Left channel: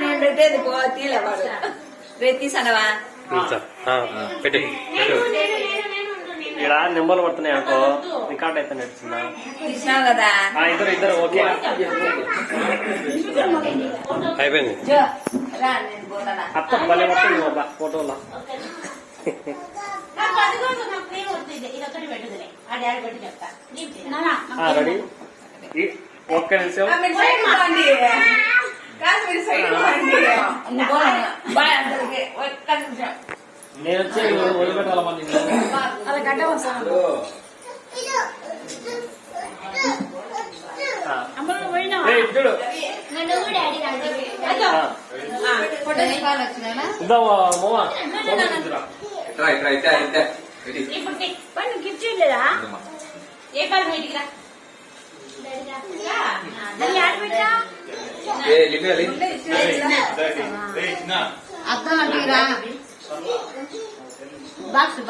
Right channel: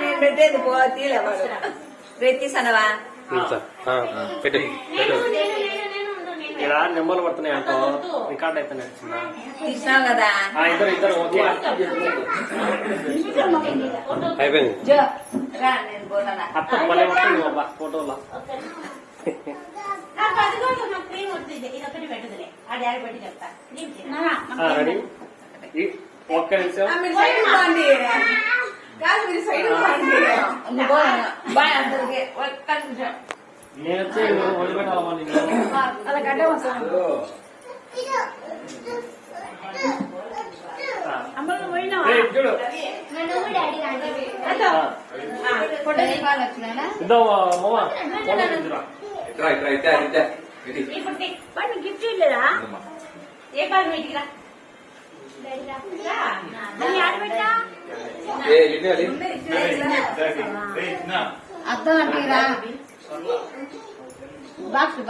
నేను పెట్టేది తీలవాడు తీసానవా పెట్టు ఇక్కడ నెంబర్లు పడుతున్నాయి అనుకో రికార్డ్ అయితే తీసినావు కదా అయిపోయింది అత్త భలే పడుతుంది ఫోటోలో రెడీ ఒక్క నిమిషం నేను వచ్చే అర్థం అంటే బాక్స్